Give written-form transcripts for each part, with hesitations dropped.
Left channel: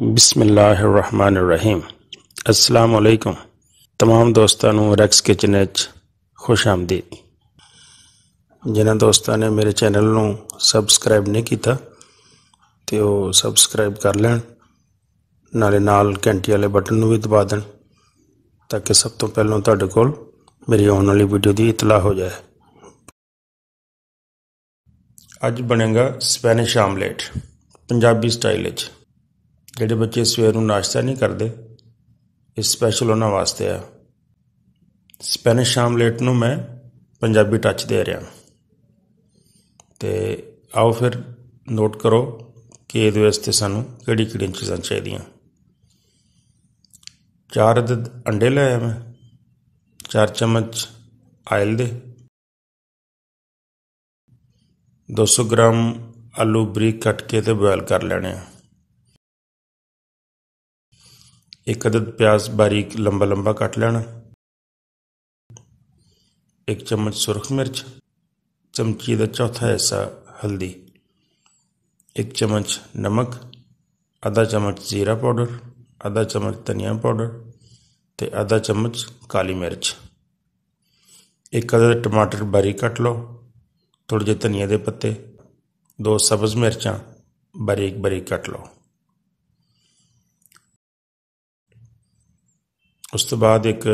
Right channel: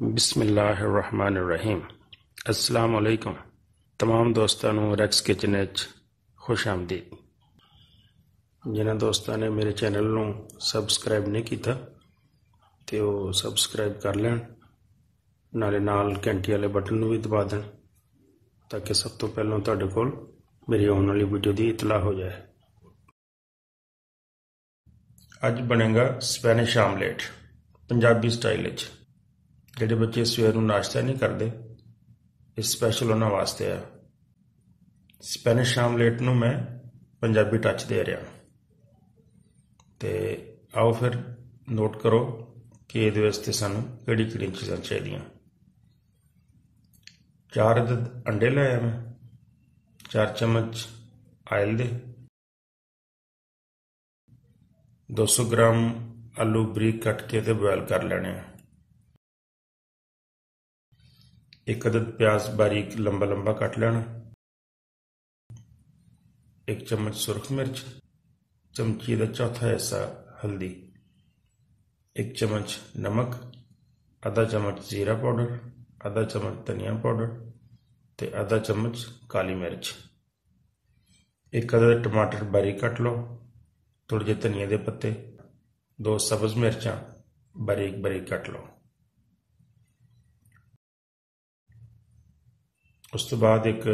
बिस्मिल्लाहिर्रहमानिर्रहीम। अस्सलाम वालेकुम। तमाम दोस्तों ਨੂੰ ਰੈਕਸ ਕਿਚਨ ਵਿੱਚ खुश आमदीद। जिन्होंने दोस्तों ने मेरे चैनल ਨੂੰ सबसक्राइब नहीं किया तो वो सबसक्राइब कर लैन, नाले नाल घंटी वाले बटन ਨੂੰ भी दबा दें ताकि सब तो पहलों तुहाडे कोल मेरी आने वाली वीडियो की इतला हो जाए। अज बनेगा Spanish omelette Punjabi style which. ਜਿਹੜੇ ਬੱਚੇ ਸਵੇਰ ਨੂੰ ਨਾਸ਼ਤਾ ਨਹੀਂ ਕਰਦੇ, ਇਹ ਸਪੈਸ਼ਲ ਉਹਨਾਂ ਵਾਸਤੇ ਆ। ਸਪੈਨਿਸ਼ ਆਮਲੇਟ ਨੂੰ ਮੈਂ ਪੰਜਾਬੀ ਟੱਚ ਦੇ ਰਿਹਾ ਤੇ ਆਓ ਫਿਰ ਨੋਟ ਕਰੋ ਕਿ ਇਹਦੇ ਵਾਸਤੇ ਸਾਨੂੰ ਕਿਹੜੀਆਂ ਚੀਜ਼ਾਂ ਚਾਹੀਦੀਆਂ। 4 ਅਦਦ ਅੰਡੇ ਲੈ ਆਇਆ ਮੈਂ, 4 ਚਮਚ ਆਇਲ ਦੇ, 200 ਗ੍ਰਾਮ ਆਲੂ ਬਰੀਕ ਕੱਟ ਕੇ ਤੇ ਬੋਇਲ ਕਰ ਲੈਣੇ ਆ, 1 अदद प्याज बारीक लंबा लंबा कट लेना, 1 चम्मच सुरख मिर्च, चमची का चौथा हिस्सा हल्दी, 1 चम्मच नमक, आधा चम्मच जीरा पाउडर, आधा चम्मच धनिया पाउडर ते आधा चम्मच काली मिर्च, 1 अदद टमाटर बारीक कट लो, थोड़े जे धनिया के पत्ते, 2 सब्ज़ मिर्चां बारीक बारीक कट लो। उस तो बाद एक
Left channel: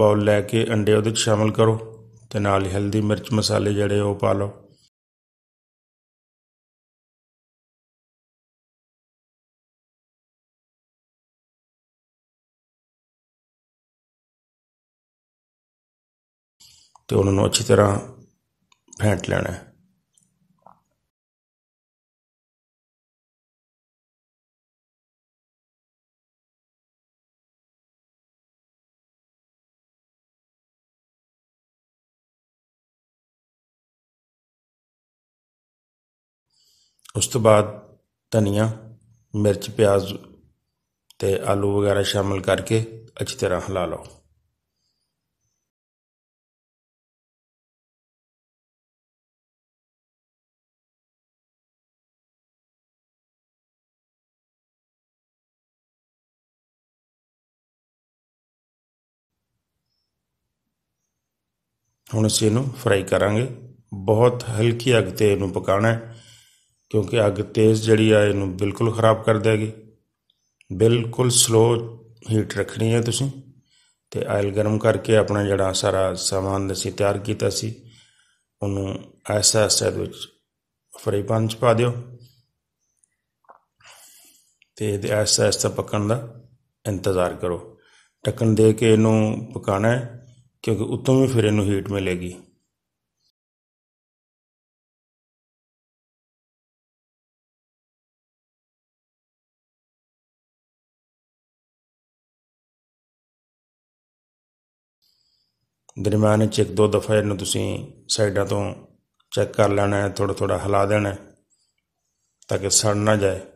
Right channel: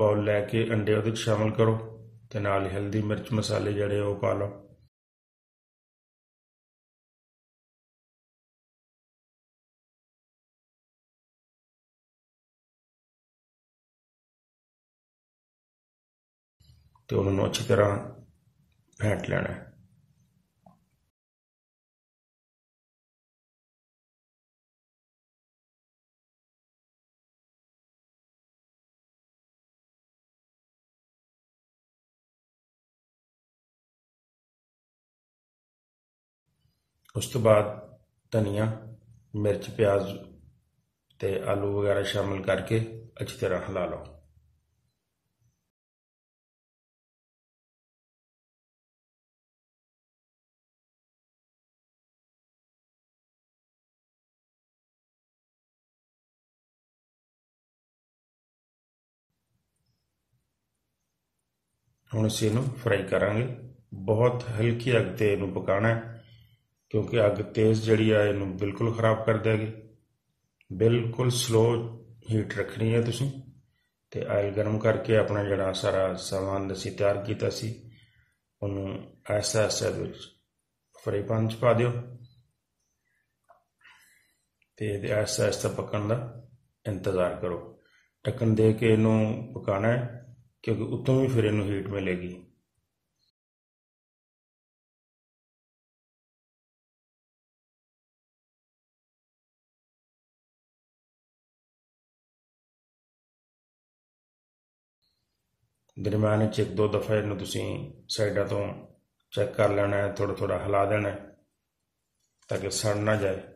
बाउल लैके अंडे वो शामिल करो तो नाल हल्दी मिर्च मसाले जड़े वो पा लो। तो उन्होंने अच्छी तरह फेंट लेना है। उस तो बाद धनिया मिर्च प्याज ते आलू वगैरह शामिल करके अच्छी तरह हिला लो। हुण असीं इहनूं फ्राई करांगे। बहुत हल्की अग ते इहनूं पकाना है क्योंकि अग तेज़ जिहड़ी आ इहनूं बिल्कुल खराब कर देगी। बिल्कुल स्लो हीट रखनी है तुसीं ते आयल गर्म करके अपना जिहड़ा सारा समान असीं तैयार कीता सी उहनूं ऐसा इहदे विच फ्राई पैन च पा दिओ ते ऐसा ऐसा पकण दा इंतज़ार करो। ढक्कन दे के इहनूं पकाना है क्योंकि उत्तों भी फिर इनू हीट मिलेगी। दरम्यान 1-2 दफ़ा इनू तुसीं साइडा तो चेक कर लेना है, थोड़ा थोड़ा हिला देना है ताकि सड़ ना जाए।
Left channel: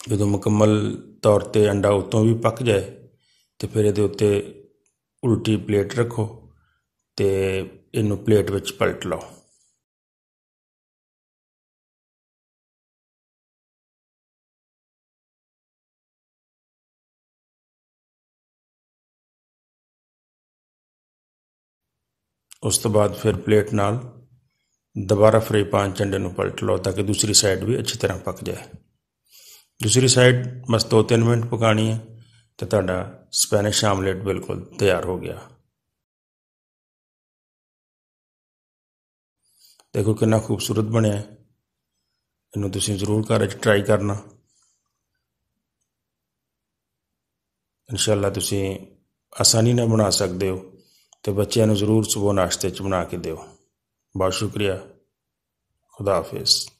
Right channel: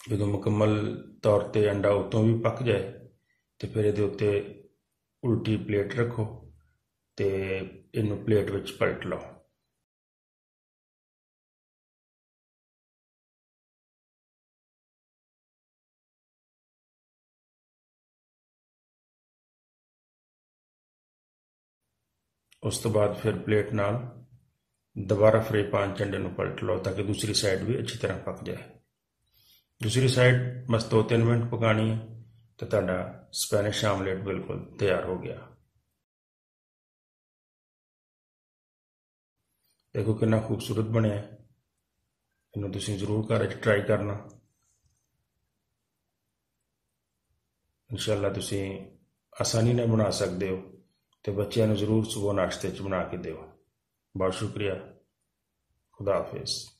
जो मुकम्मल तौर पर अंडा उतों भी पक जाए तो फिर ये उत्ते उल्टी प्लेट रखो तो इनू प्लेट विच पलट लो। उस तो बाद फिर प्लेट नाल दोबारा फ्राई पैन च अंडे नूं पलट लो ताकि दूसरी साइड भी अच्छी तरह पक जाए। दूसरी साइड बस 2-3 मिनट पकानी है तो तुहाडा स्पैनिश आमलेट बिल्कुल तैयार हो गया। देखो कितना खूबसूरत बनया, इनू तुसीं जरूर घर च ट्राई करना। इंशाअल्लाह तुसीं आसानी नाल बना सकते हो, तो बच्चों को जरूर सुबह नाश्ते च बना के दिओ। बहुत शुक्रिया। खुदा हाफिज़।